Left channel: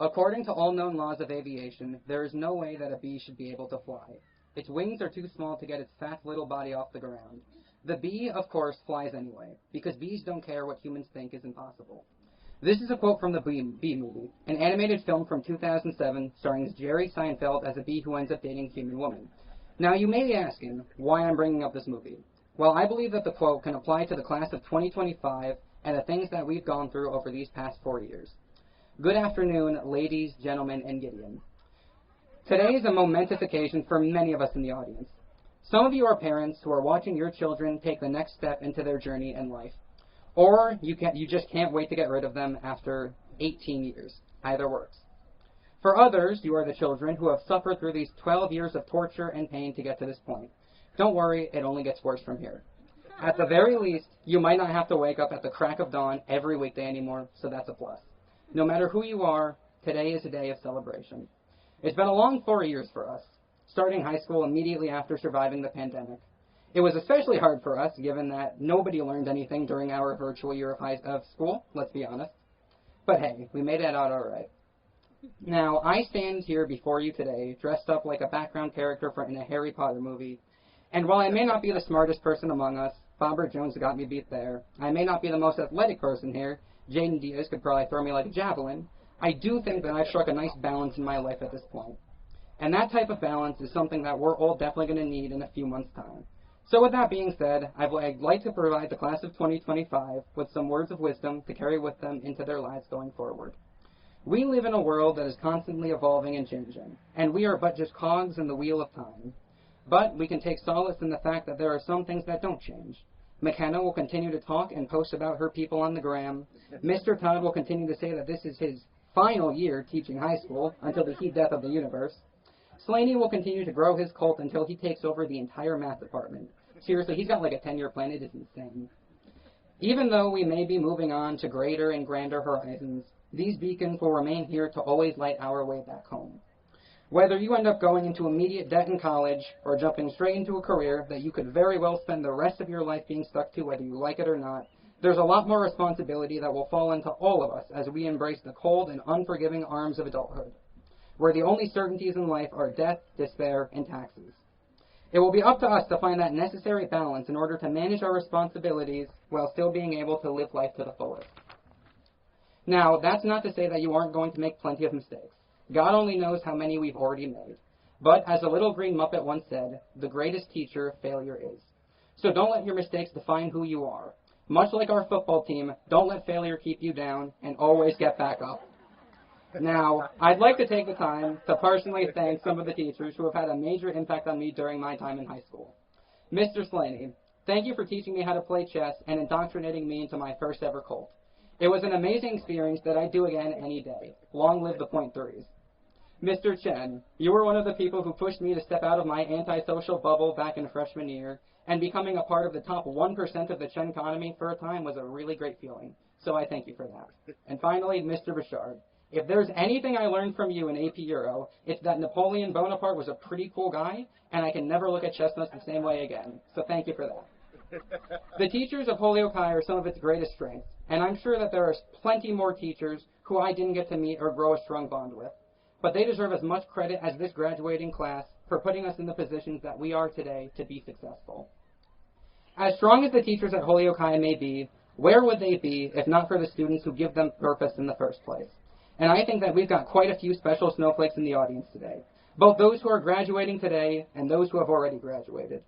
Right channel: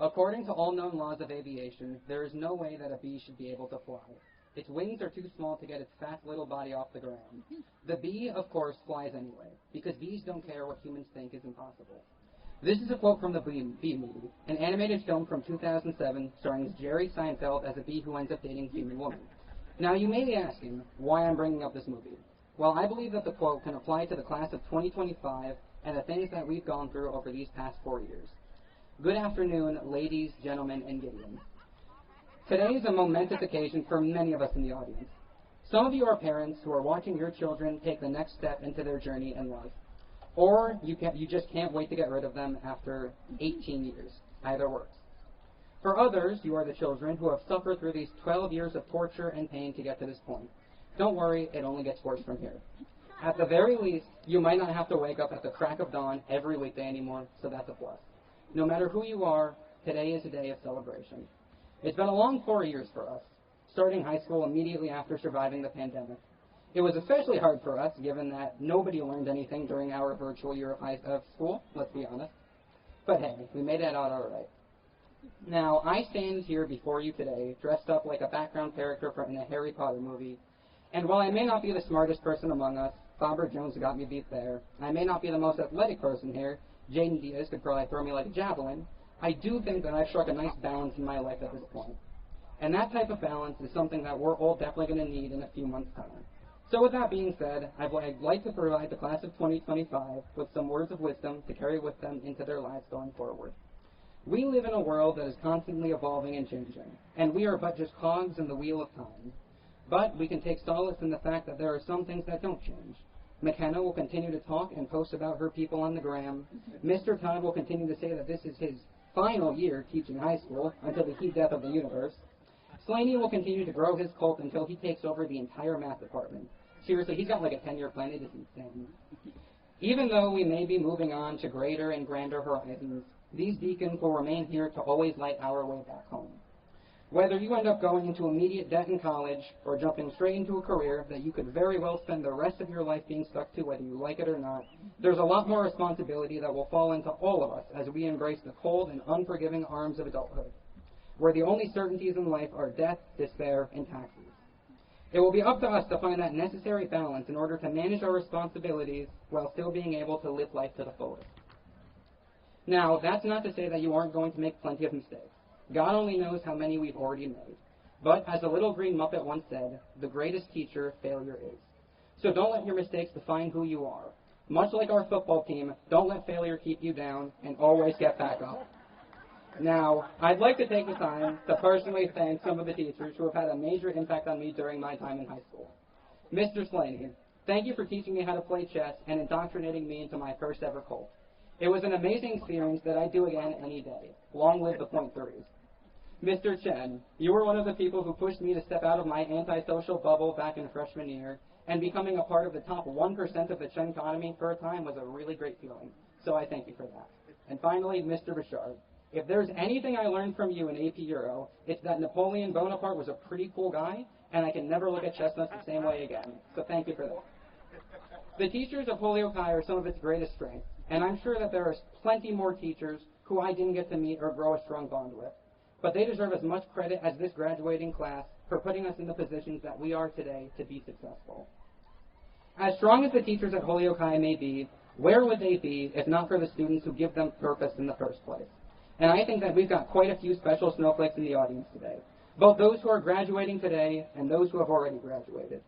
According to all known laws of aviation, there is no way that a bee should be able to fly. Its wings are too small to get its fat little body off the ground. The bee, of course, flies anyway, because bees don't care what humans think is impossible. This is a quote from the Bee Movie, an animated film from 2007 starring Jerry Seinfeld as a bee who ends up dating a human woman. Now, you may be asking why I'm bringing up this movie. Well, I believe that the quote can apply to the class of 2025 and the things that we've gone through over these past 4 years. Good afternoon, ladies, gentlemen, and Gideon. Today is a momentous occasion for many of us in the audience. Some of you are parents who are watching your children take the next step into their journey in life. Or you just can't wait to get rid of them after 18 years. Either works. For others, you are the children who have suffered through these 12 years of torture and pain to get to this point. Don't worry, it only gets worse from here. At the very least, you might not have to wake up at the crack of dawn every weekday anymore, so that's a plus. No matter who you are, today is a day of celebration. It's been a long 4 years for us, starting high school immediately after surviving the pandemic. It was especially hard for us, given that nobody learned anything during our virtual year of school, let's be honest. But hey, we made it out all right. Now, I stand here before you today, dressed up like a background character in a Harry Potter movie, and while I may not be the smartest person among us, Bobber Jones got me beat there, I may not be the most athletic person here, Jaden Diaz could probably throw me like a javelin, I do think that I've struck a nice balance in my life at this point. And that type of balance is something that we're all definitely going to need in a few months' time. So with that being said, I'd like to provide the class of 2025 with some words of wisdom to carry with them into their lives going forward. We live in a world that is constantly evolving and changing, and we are but just cogs in the wheel of time. But we can take solace in the fact that there are some things that don't change. McKenna will continue to talk and post about her people on the gram. Mr. Todd will continue to say that this is his final year teaching high school until the heat death of the universe. Slaney will continue to grow his cult until he takes over the entire math department. Seriously, he's got like a 10-year plan. It is insane. Even though we may be moving on to greater and grander horizons, these beacons will remain here to always light our way back home. Whether you end up going into immediate debt in college or jumping straight into a career that you could very well spend the rest of your life being stuck to whether you like it or not, there's a lot more responsibility that will fall into all of us as we embrace the cold and unforgiving arms of adulthood, where the only certainties in life are death, despair, and taxes. It will be up to us to find that necessary balance in order to manage our responsibilities while still being able to live life to the fullest. Now, that's not to say that you aren't going to make plenty of mistakes. God only knows how many we've already made. But as a little green Muppet once said, the greatest teacher failure is. So don't let your mistakes define who you are. Much like our football team, don't let failure keep you down, and always get back up. Now, I'd like to take the time to personally thank some of the teachers who have had a major impact on me during my time in high school. Mr. Slaney, thank you for teaching me how to play chess and indoctrinating me into my first ever cult. It was an amazing experience that I'd do again any day. Long live the .3s. Mr. Chen, you were one of the people who pushed me to step out of my antisocial bubble back in freshman year, and becoming a part of the top 1% of the Chen economy for a time was a really great feeling. So I thank you for that. And finally, Mr. Bouchard, if there's anything I learned from you in AP Euro, it's that Napoleon Bonaparte was a pretty cool guy, and I can never look at chestnuts the same way again. So thank you for that. The teachers of Holyoke High are some of its greatest strengths, and I'm sure that there are plenty more teachers who I didn't get to meet or grow a strong bond with. But they deserve as much credit as this graduating class for putting us in the positions that we are today to be successful. As strong as the teachers at Holyoke High may be, where would they be if not for the students who give them purpose in the first place? And I think that we've got quite a few special snowflakes in the audience today, both those who are graduating today and those who have already graduated.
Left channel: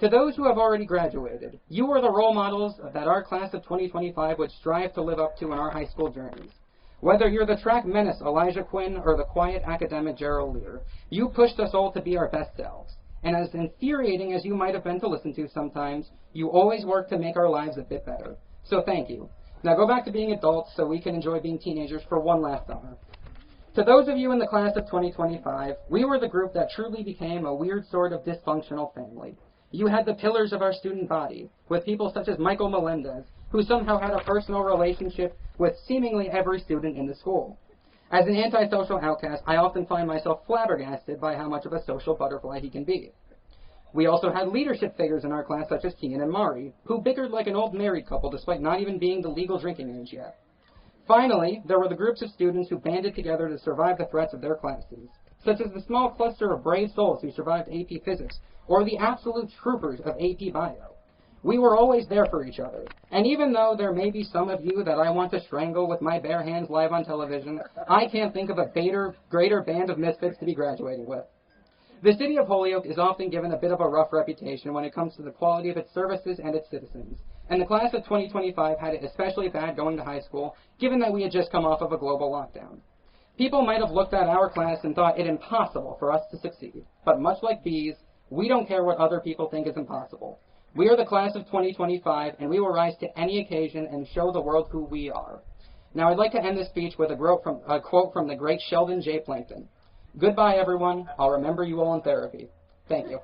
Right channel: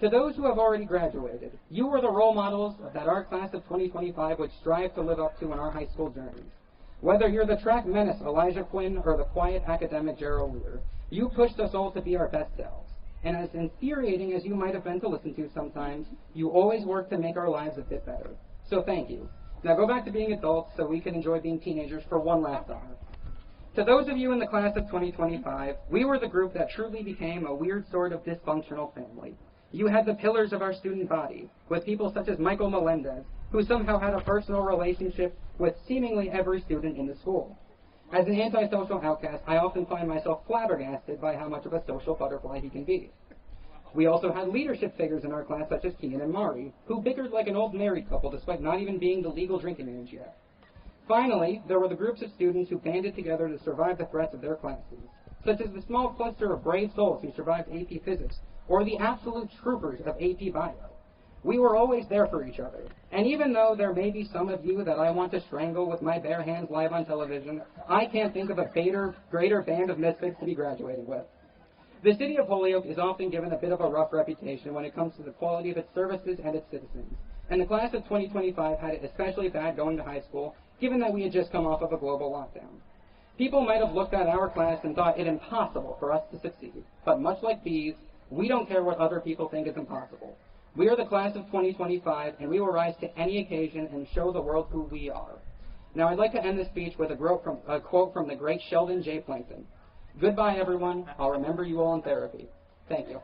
To those who have already graduated, you are the role models that our class of 2025 would strive to live up to in our high school journeys. Whether you're the track menace Elijah Quinn or the quiet academic Gerald Lear, you pushed us all to be our best selves. And as infuriating as you might have been to listen to sometimes, you always worked to make our lives a bit better. So thank you. Now go back to being adults so we can enjoy being teenagers for one last summer. To those of you in the class of 2025, we were the group that truly became a weird sort of dysfunctional family. You had the pillars of our student body, with people such as Michael Melendez, who somehow had a personal relationship with seemingly every student in the school. As an antisocial outcast, I often find myself flabbergasted by how much of a social butterfly he can be. We also had leadership figures in our class such as Kian and Mari, who bickered like an old married couple despite not even being the legal drinking age yet. Finally, there were the groups of students who banded together to survive the threats of their classes, such as the small cluster of brave souls who survived AP Physics, or the absolute troopers of AP Bio. We were always there for each other, and even though there may be some of you that I want to strangle with my bare hands live on television, I can't think of a greater band of misfits to be graduating with. The city of Holyoke is often given a bit of a rough reputation when it comes to the quality of its services and its citizens, and the class of 2025 had it especially bad going to high school, given that we had just come off of a global lockdown. People might have looked at our class and thought it impossible for us to succeed, but much like bees, we don't care what other people think is impossible. We are the class of 2025, and we will rise to any occasion and show the world who we are. Now, I'd like to end this speech with a quote from the great Sheldon J. Plankton. Goodbye, everyone. I'll remember you all in therapy. Thank you.